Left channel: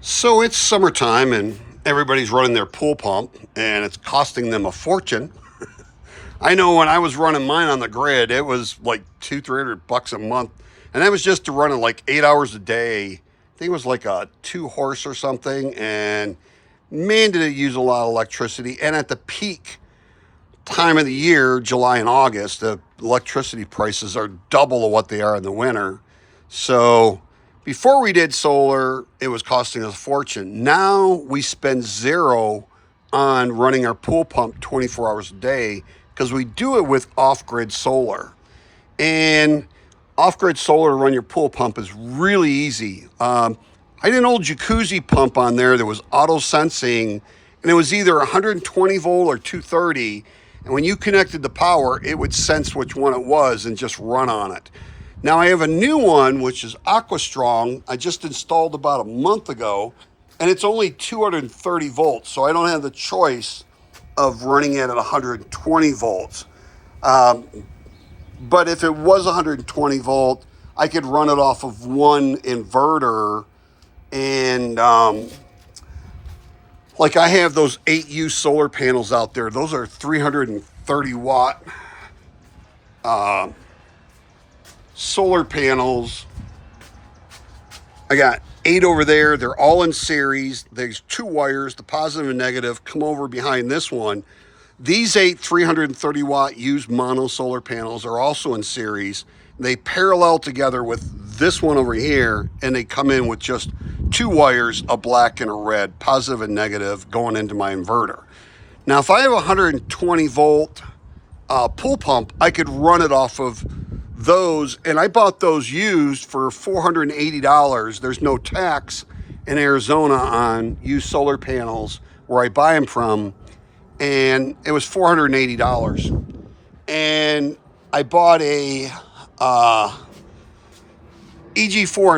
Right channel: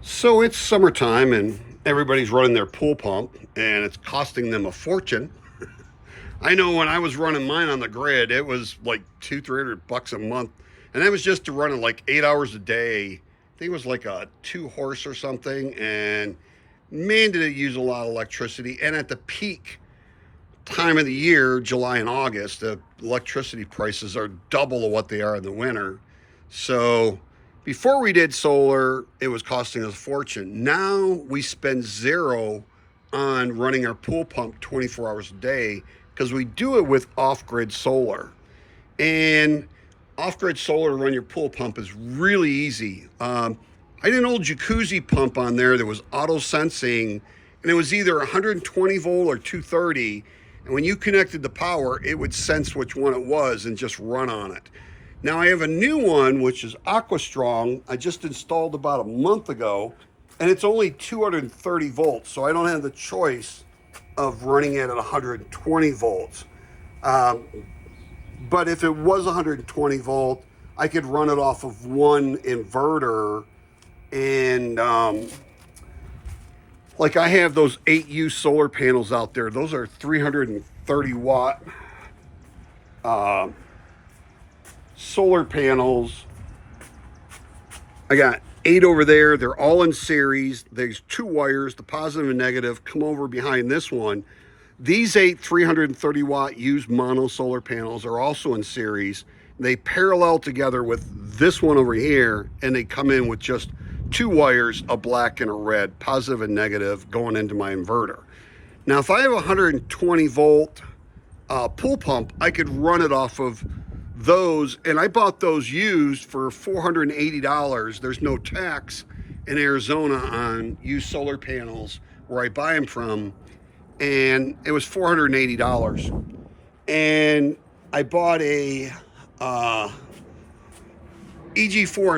So it's summertime and everybody's running their pool pump and it's costing them a fortune. I know when I was running mine on the grid, it was like 200-300 bucks a month. And that was just to run it like 8 hours a day. I think it was like a 2 horse or something. And man, did it use a lot of electricity. And at the peak time of the year, July and August, the electricity prices are double of what they are in the winter. So before we did solar, it was costing us a fortune. Now we spend zero on running our pool pump 24 hours a day because we do it with off-grid solar. And off-grid solar to run your pool pump is really easy. I did an old jacuzzi pump on there that was auto sensing, and it was either 120 volt or 230. And when you connected the power, it would sense which one it was and just run on it. Now I have a new one, which is Aqua Strong. I just installed about a month ago, and it's only 230 volts. So I don't have the choice of running it at 120 volts. But if it was 120 volt, I could run it off of one inverter. And like I have those 8U solar panels out there. Those are 330 watt solar panels. I got 8 over there. They're all in series. There's 2 wires, the positive and negative, come over behind this one. These 8 330 watt used mono solar panels are also in series. They parallel together with this one over here, and they come in with just 2 wires, a black and a red, positive and negative, going into my inverter. Now, if I have a 120 volt pool pump, I could run it off of those, and I bought those used for $480. There's no tax in Arizona on used solar panels where I buy them from, and it was $480. And I bought a EG4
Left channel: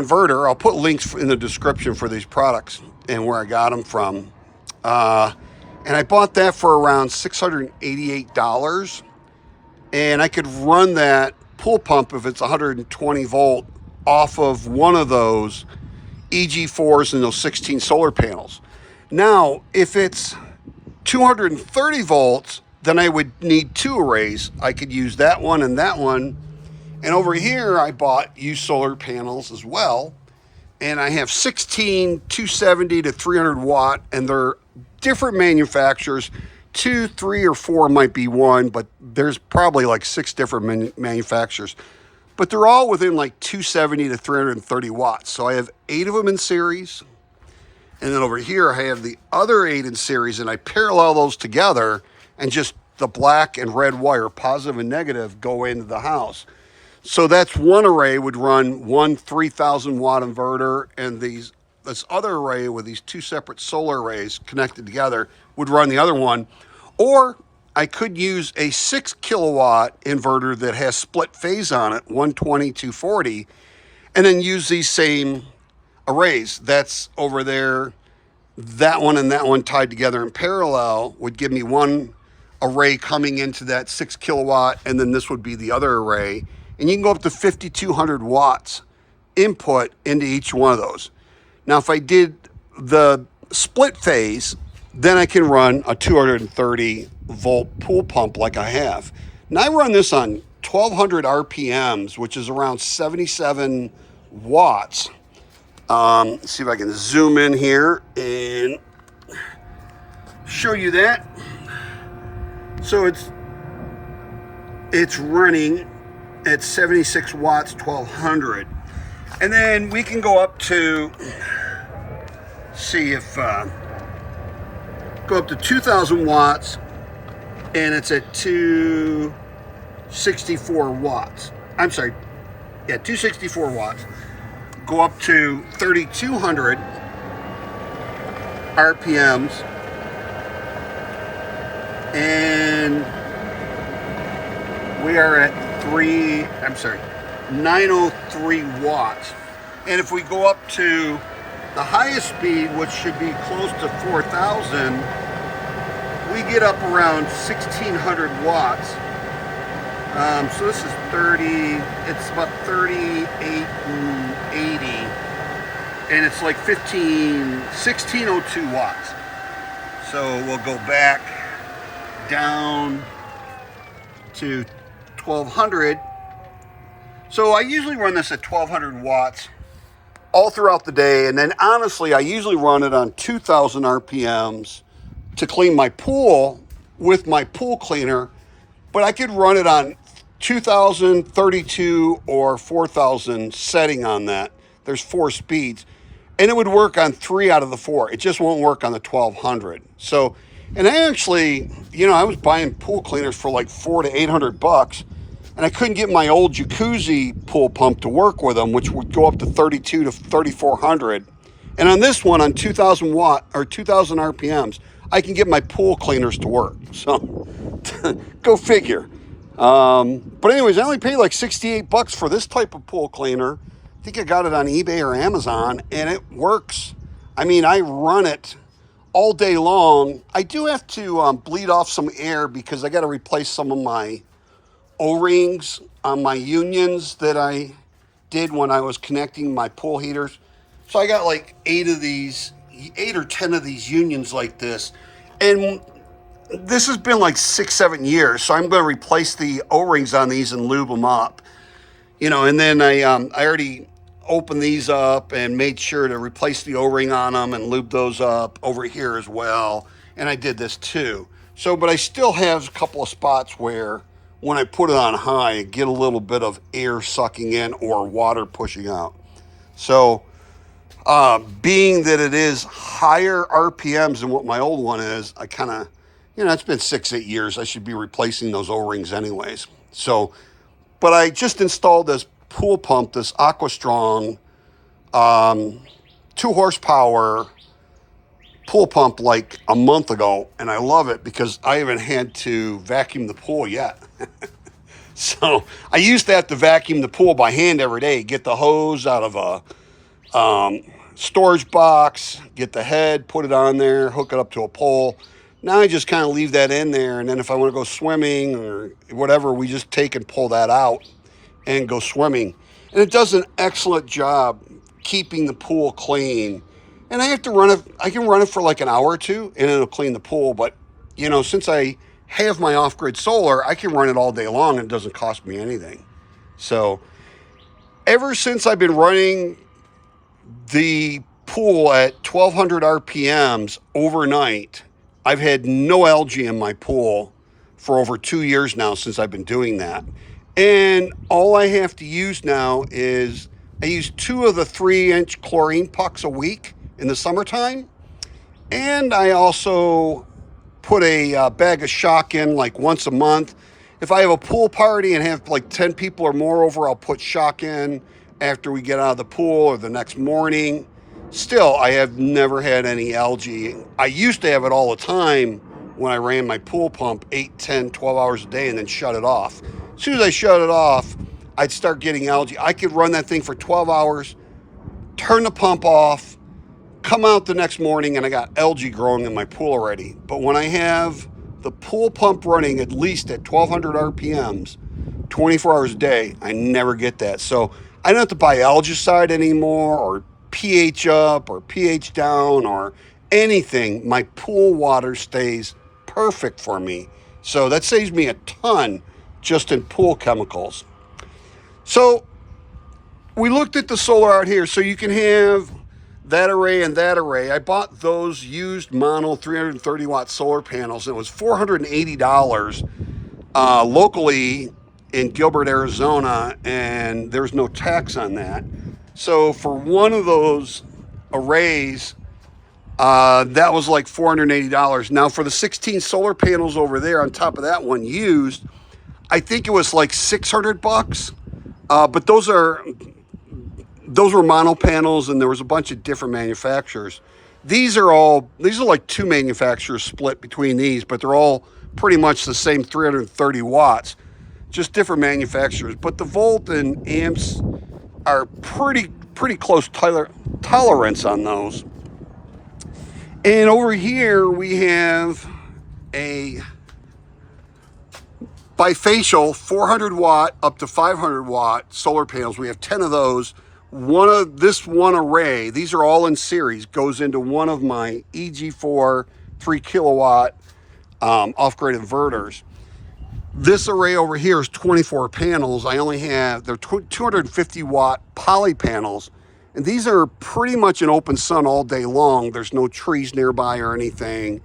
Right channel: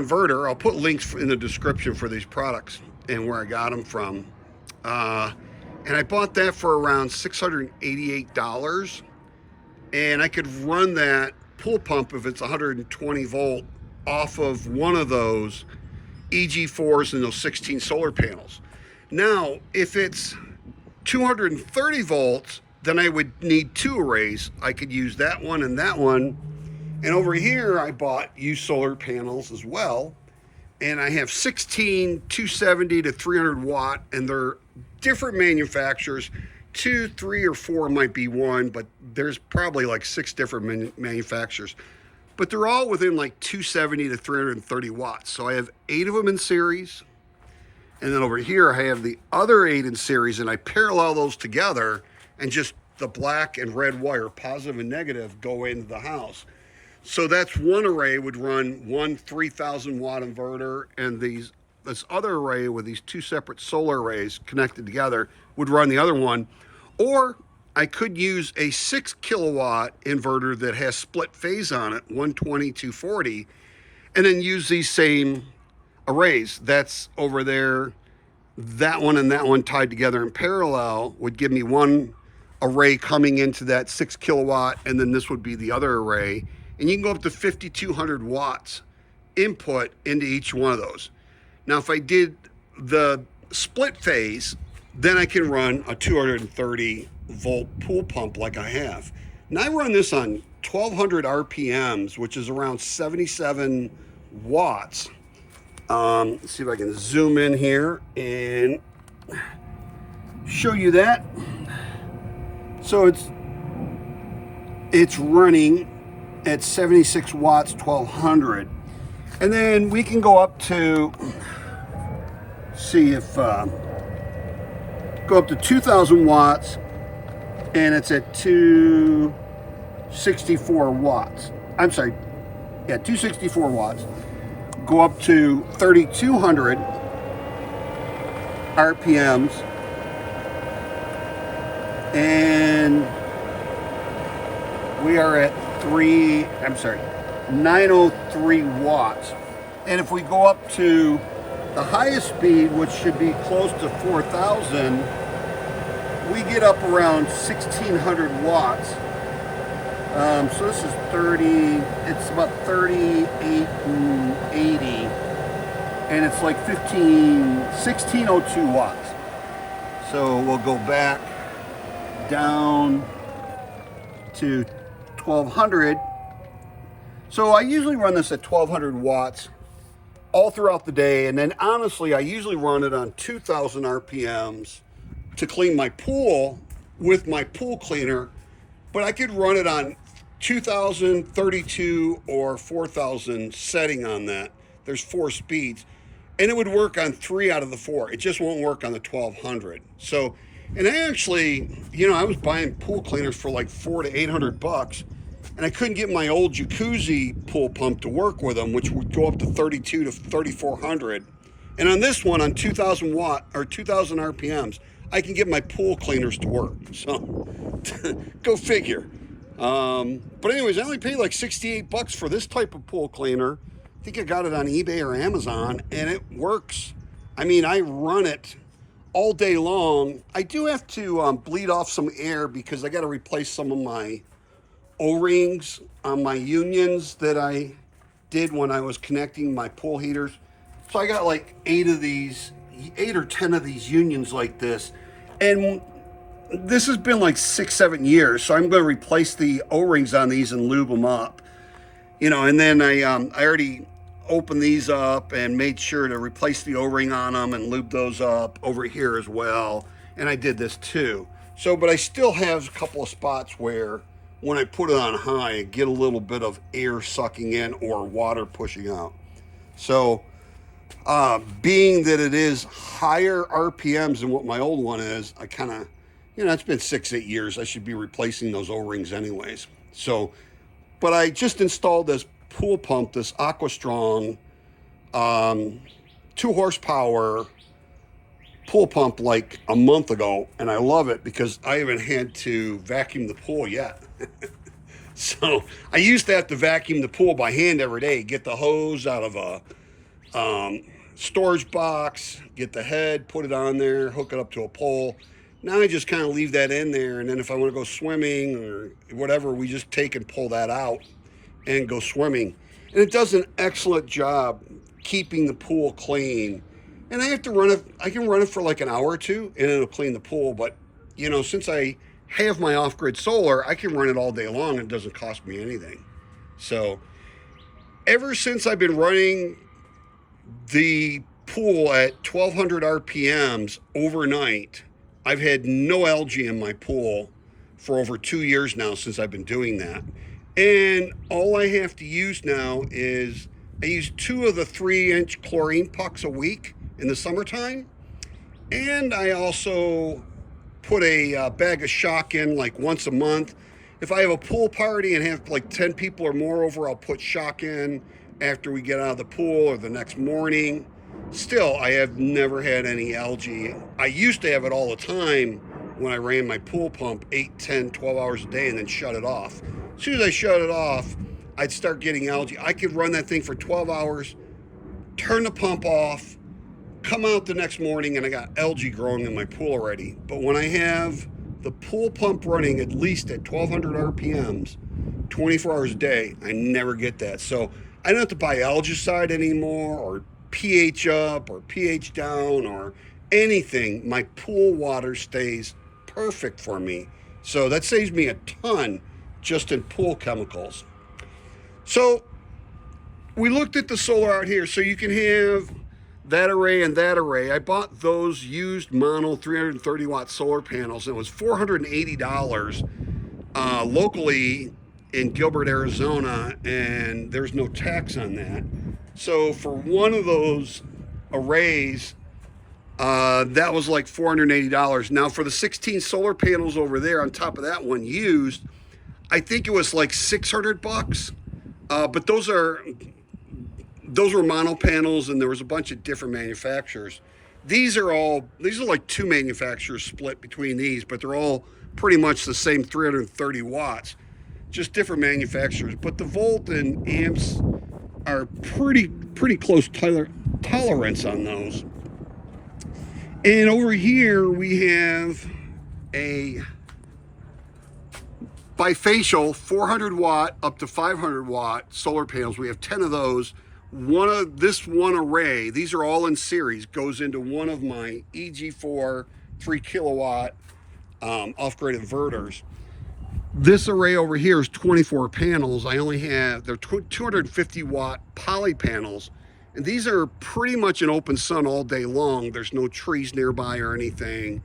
inverter. I'll put links in the description for these products and where I got them from. And I bought that for around $688. And I could run that pool pump if it's 120 volt off of one of those EG4s and those 16 solar panels. Now, if it's 230 volts, then I would need 2 arrays. I could use that one and that one. And over here, I bought used solar panels as well. And I have 16, 270 to 300 watt, and they're different manufacturers. 2, 3, or 4 might be one, but there's probably like 6 different manufacturers. But they're all within like 270 to 330 watts. So I have 8 of them in series. And then over here, I have the other 8 in series, and I parallel those together, and just the black and red wire, positive and negative, go into the house. So that's one array would run one 3,000 watt inverter, and this other array with these 2 separate solar arrays connected together would run the other one. Or I could use a 6 kilowatt inverter that has split phase on it, 120, 240, and then use these same arrays. That's over there. That one and that one tied together in parallel would give me one array coming into that 6 kilowatt, and then this would be the other array. And you can go up to 5,200 watts input into each one of those. Now, if I did the split phase, then I can run a 230 volt pool pump like I have. Now, I run this on 1,200 RPMs, which is around 77 watts. Let's see if I can zoom in here and show you that. So it's running at 76 watts, 1,200. And then we can go up to, see if, go up to 2,000 watts, and it's at 264 watts. I'm sorry, yeah, 264 watts. Go up to 3,200 RPMs, and we are at 903 watts. And if we go up to the highest speed, which should be close to 4,000, we get up around 1,600 watts. So this is 30, it's about 38 and 80. and it's like 1602 watts. So we'll go back down to 1200. So I usually run this at 1200 watts all throughout the day, and then honestly I usually run it on 2000 RPMs to clean my pool with my pool cleaner, but I could run it on 2000, 32, or 4000 setting on that. There's 4 speeds, and it would work on 3 out of the 4. It just won't work on the 1200. So, and I actually, I was buying pool cleaners for like $400 to $800, and I couldn't get my old jacuzzi pool pump to work with them, which would go up to 32 to 3400. And on this one, on 2000 watt or 2000 RPMs, I can get my pool cleaners to work. So, go figure. But anyways, I only paid like $68 for this type of pool cleaner. I think I got it on eBay or Amazon, and it works. I mean, I run it all day long. I do have to bleed off some air because I got to replace some of my O-rings on my unions that I did when I was connecting my pool heaters. So I got like 8 or 10 of these unions like this. And this has been like 6-7 years. So I'm going to replace the O-rings on these and lube them up. And then I already opened these up and made sure to replace the O-ring on them and lube those up over here as well. And I did this too. So, but I still have a couple of spots where when I put it on high, I get a little bit of air sucking in or water pushing out. So, being that it is higher RPMs than what my old one is, I kind of, it's been 6-8 years. I should be replacing those O-rings anyways. So, but I just installed this pool pump, this AquaStrong 2 horsepower pool pump like a month ago, and I love it because I haven't had to vacuum the pool yet. So I used to have to vacuum the pool by hand every day, get the hose out of a storage box, get the head, put it on there, hook it up to a pole. Now I just kind of leave that in there, and then if I want to go swimming or whatever, we just take and pull that out and go swimming. And it does an excellent job keeping the pool clean. And I have to run it, I can run it for like an hour or two and it'll clean the pool. But, since I have my off-grid solar, I can run it all day long and it doesn't cost me anything. So ever since I've been running the pool at 1200 RPMs overnight, I've had no algae in my pool for over 2 years now since I've been doing that. And all I have to use now is I use 2 of the 3-inch chlorine pucks a week in the summertime. And I also put a bag of shock in like once a month. If I have a pool party and have like 10 people or more over, I'll put shock in after we get out of the pool or the next morning. Still, I have never had any algae. I used to have it all the time when I ran my pool pump 8, 10, 12 hours a day and then shut it off. As soon as I shut it off, I'd start getting algae. I could run that thing for 12 hours, turn the pump off, come out the next morning, and I got algae growing in my pool already. But when I have the pool pump running at least at 1200 RPMs, 24 hours a day, I never get that. So I don't have to buy algicide anymore or pH up or pH down or anything. My pool water stays perfect for me. So that saves me a ton just in pool chemicals. So we looked at the solar out here. So you can have that array and that array. I bought those used mono 330 watt solar panels, and it was $480 locally in Gilbert, Arizona, and there's no tax on that. So for one of those arrays, that was like $480. Now for the 16 solar panels over there on top of that one used, I think it was like $600. But those were mono panels, and there was a bunch of different manufacturers. These are like 2 manufacturers split between these, but they're all pretty much the same 330 watts, just different manufacturers. But the volt and amps are pretty close tolerance on those. And over here we have a bifacial 400 watt up to 500 watt solar panels. We have 10 of those this one array, these are all in series, goes into one of my EG4 3 kilowatt off-grid inverters. This array over here is 24 panels. I only have, they're 250 watt poly panels. And these are pretty much in open sun all day long. There's no trees nearby or anything.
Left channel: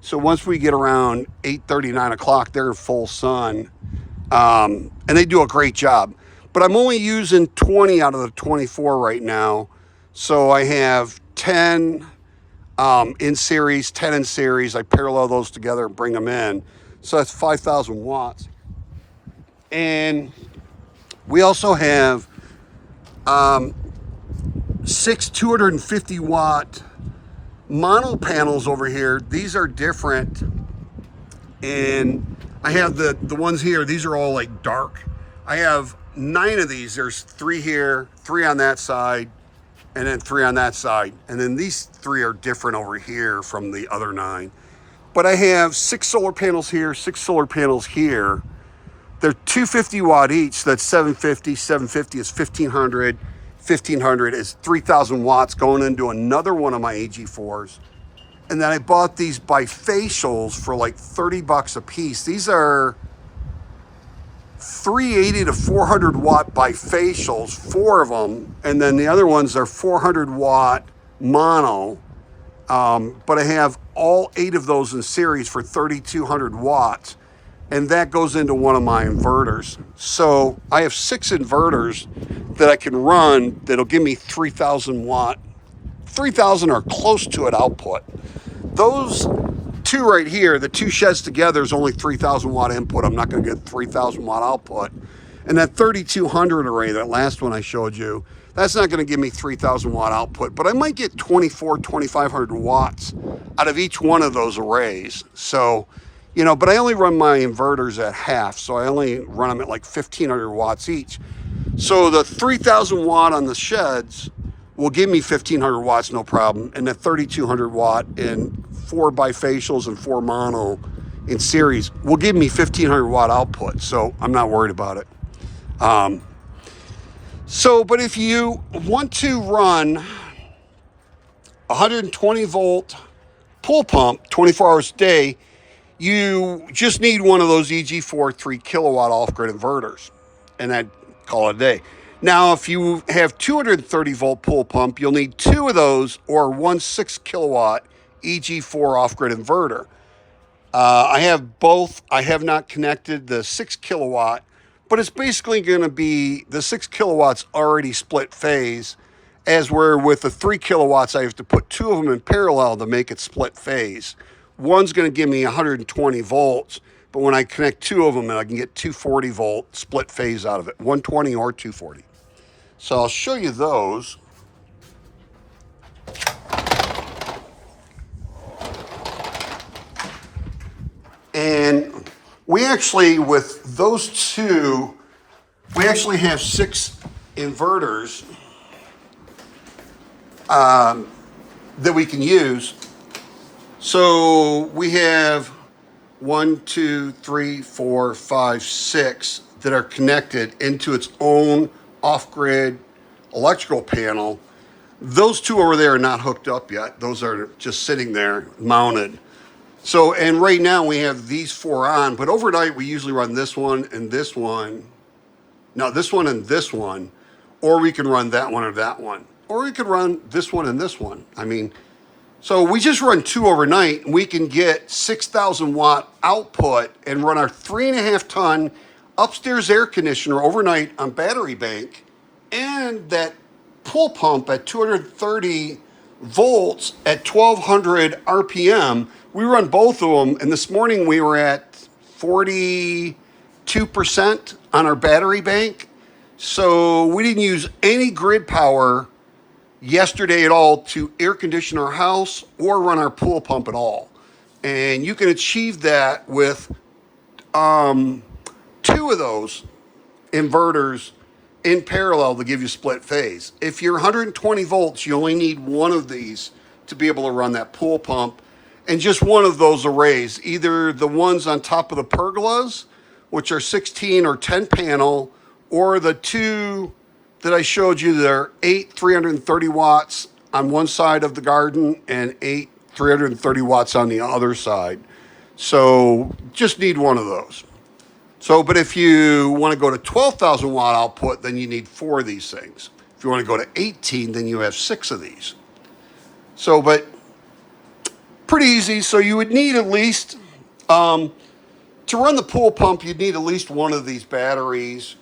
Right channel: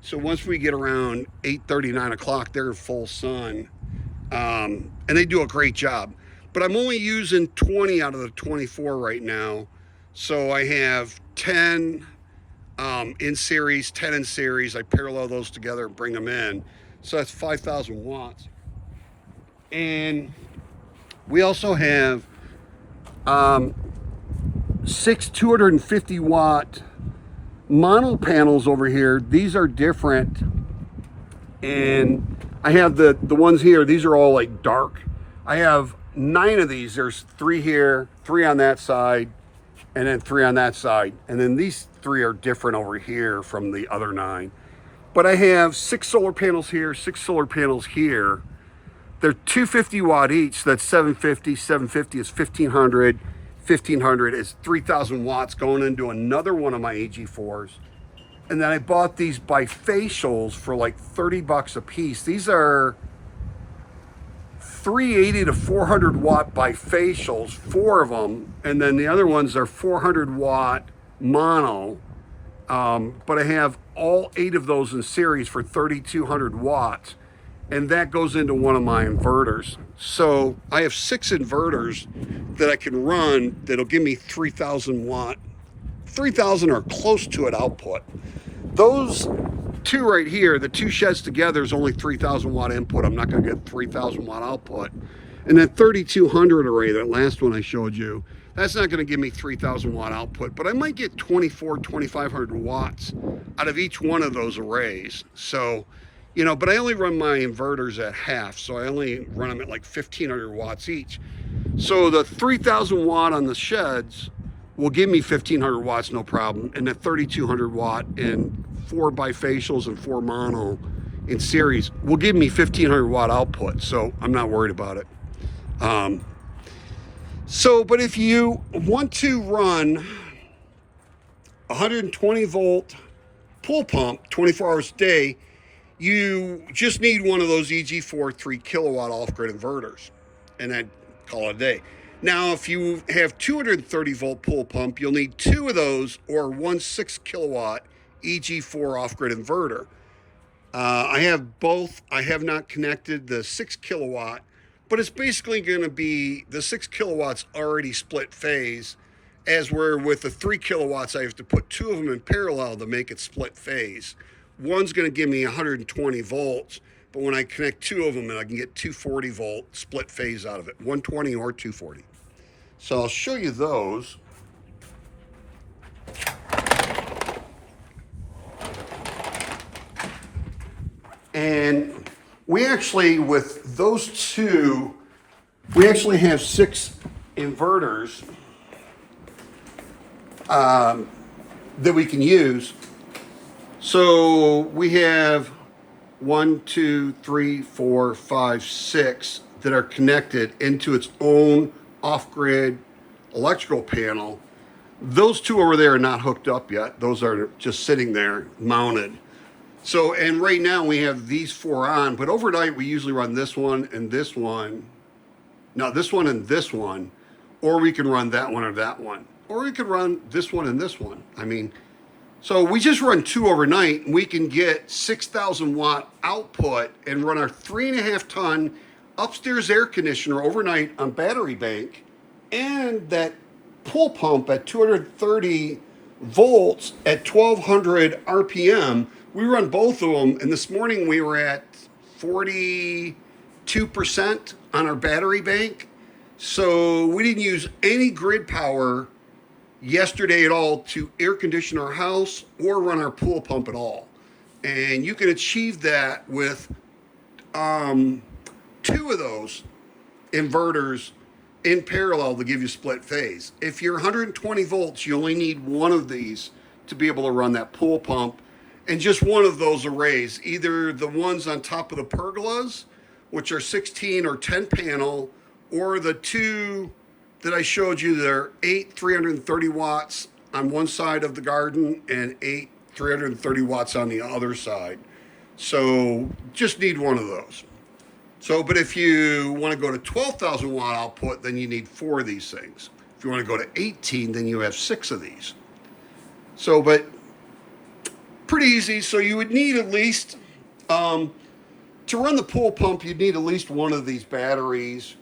So once we get around 8:30, 9 o'clock, they're in full sun. And they do a great job. But I'm only using 20 out of the 24 right now. So I have 10 in series, 10 in series. I parallel those together and bring them in. So that's 5,000 watts. And we also have 6 250 watt mono panels over here. These are different. And I have the ones here, these are all like dark. I have 9 of these. There's 3 here, 3 on that side, and then 3 on that side. And then these 3 are different over here from the other 9. But I have 6 solar panels here, 6 solar panels here. They're 250 watt each. That's 750. 750 is 1,500. 1,500 is 3,000 watts going into another one of my AG4s. And then I bought these bifacials for like 30 bucks a piece. These are 380 to 400 watt bifacials, 4 of them. And then the other ones are 400 watt mono. But I have all 8 of those in series for 3,200 watts. And that goes into one of my inverters. So I have 6 inverters that I can run that'll give me 3,000 watt, 3,000 or close to it output. Those 2 right here, the 2 sheds together is only 3,000 watt input. I'm not going to get 3,000 watt output. And that 3,200 array, that last one I showed you, that's not going to give me 3,000 watt output, but I might get 2,500 watts out of each one of those arrays. So, you know, but I only run my inverters at half, so I only run them at like 1,500 watts each. So the 3,000 watt on the sheds will give me 1,500 watts, no problem. And the 3,200 watt in 4 bifacials and 4 mono in series will give me 1,500 watt output. So I'm not worried about it. But if you want to run 120 volt pool pump 24 hours a day, you just need one of those EG4 3 kilowatt off-grid inverters, and I'd call it a day. Now, if you have 230 volt pool pump, you'll need 2 of those or one 6 kilowatt EG4 off-grid inverter. I have both. I have not connected the 6 kilowatt, but it's basically going to be the 6 kilowatts already split phase, as where with the 3 kilowatts, I have to put 2 of them in parallel to make it split phase. One's going to give me 120 volts, but when I connect 2 of them, I can get 240 volt split phase out of it, 120 or 240. So I'll show you those. And we actually, with those 2, we actually have 6 inverters that we can use. So we have 1, 2, 3, 4, 5, 6 that are connected into its own off-grid electrical panel. Those 2 over there are not hooked up yet. Those are just sitting there mounted. So, and right now we have these 4 on, but overnight we usually run this one and this one. No, this one and this one, or we can run that one or that one, or we could run this one and this one. I mean, so we just run 2 overnight, and we can get 6,000 watt output and run our 3.5 ton upstairs air conditioner overnight on battery bank, and that pool pump at 230 volts at 1,200 RPM. We run both of them, and this morning we were at 42% on our battery bank. So we didn't use any grid power yesterday at all to air condition our house or run our pool pump at all. And you can achieve that with 2 of those inverters in parallel to give you split phase. If you're 120 volts, you only need 1 of these to be able to run that pool pump, and just 1 of those arrays, either the ones on top of the pergolas, which are 16 or 10 panel, or the that I showed you, there are 8 330 watts on one side of the garden and 8 330 watts on the other side. So just need one of those. So, but if you want to go to 12,000 watt output, then you need 4 of these things. If you want to go to 18, then you have 6 of these. So, but pretty easy. So you would need at least, to run the pool pump, you'd need at least one of these batteries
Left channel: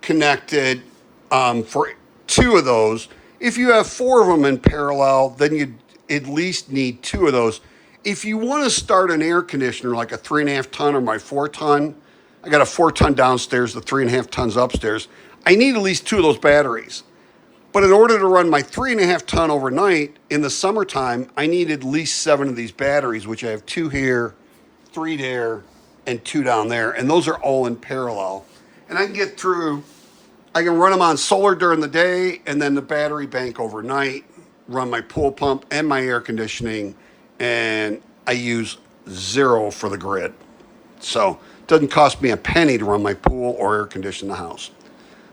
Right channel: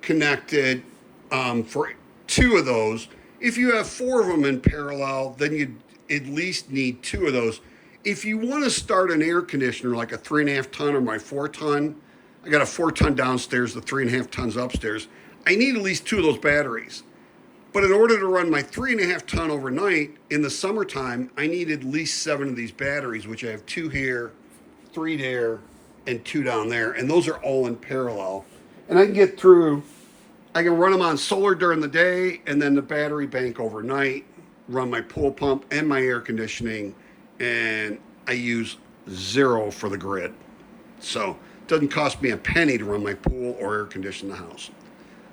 connected for 2 of those. If you have 4 of them in parallel, then you'd at least need 2 of those. If you want to start an air conditioner, like a 3.5 ton or my 4 ton, I got a 4 ton downstairs, the 3.5 tons upstairs, I need at least 2 of those batteries. But in order to run my 3.5 ton overnight in the summertime, I need at least 7 of these batteries, which I have 2 here, 3 there, and 2 down there. And those are all in parallel. And I can get through, I can run them on solar during the day and then the battery bank overnight, run my pool pump and my air conditioning, and I use 0 for the grid. So it doesn't cost me a penny to run my pool or air condition the house.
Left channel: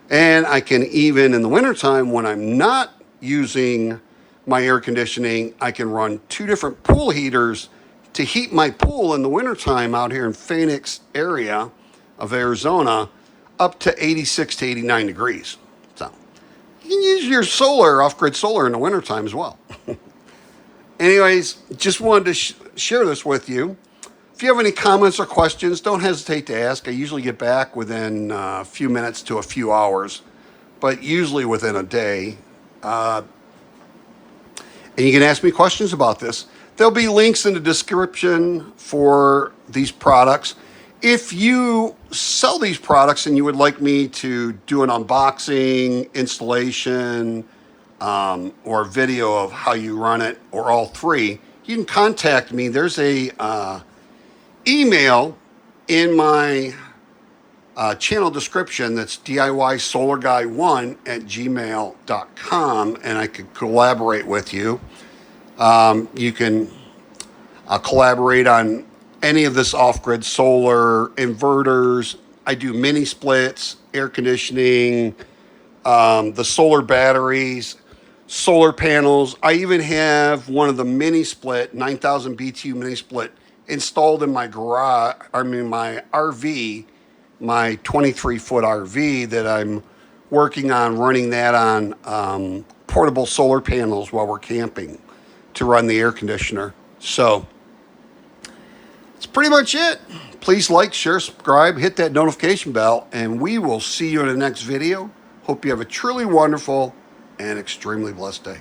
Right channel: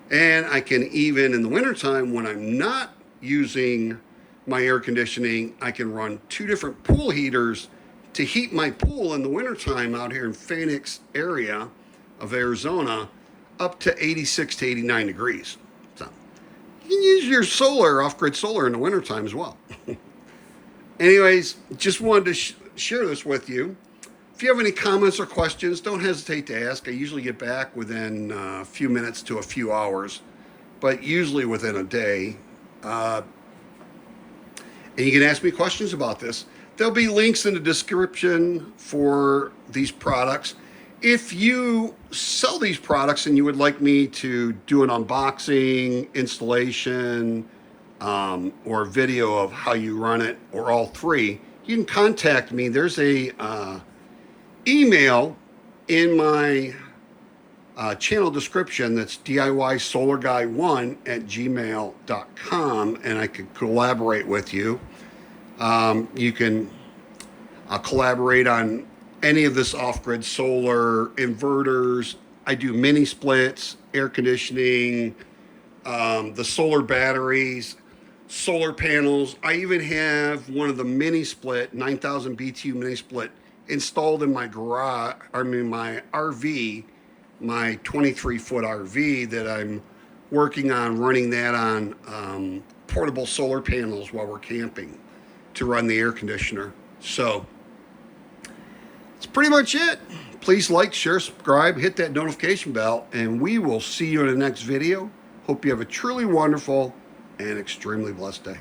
And I can even, in the wintertime, when I'm not using my air conditioning, I can run 2 different pool heaters to heat my pool in the wintertime out here in Phoenix area of Arizona up to 86 to 89 degrees. So you can use your solar, off-grid solar in the wintertime as well. Anyways, just wanted to share this with you. If you have any comments or questions, don't hesitate to ask. I usually get back within a few minutes to a few hours, but usually within a day. And you can ask me questions about this. There'll be links in the description for these products. If you sell these products and you would like me to do an unboxing, installation, or video of how you run it, or all 3, you can contact me. There's a email in my channel description that's DIYSolarGuy1@gmail.com, and I could collaborate with you. You can collaborate on any of this off-grid solar, inverters. I do mini splits, air conditioning, the solar batteries, solar panels. I even have one of the mini split, 9,000 BTU mini split, installed in my garage, my RV, my 23-foot RV that I'm working on running that on portable solar panels while we're camping to run the air conditioner. So that's pretty much it. Please like, share, subscribe, hit that notification bell, and we will see you in the next video. Hope you have a truly wonderful and extremely blessed day.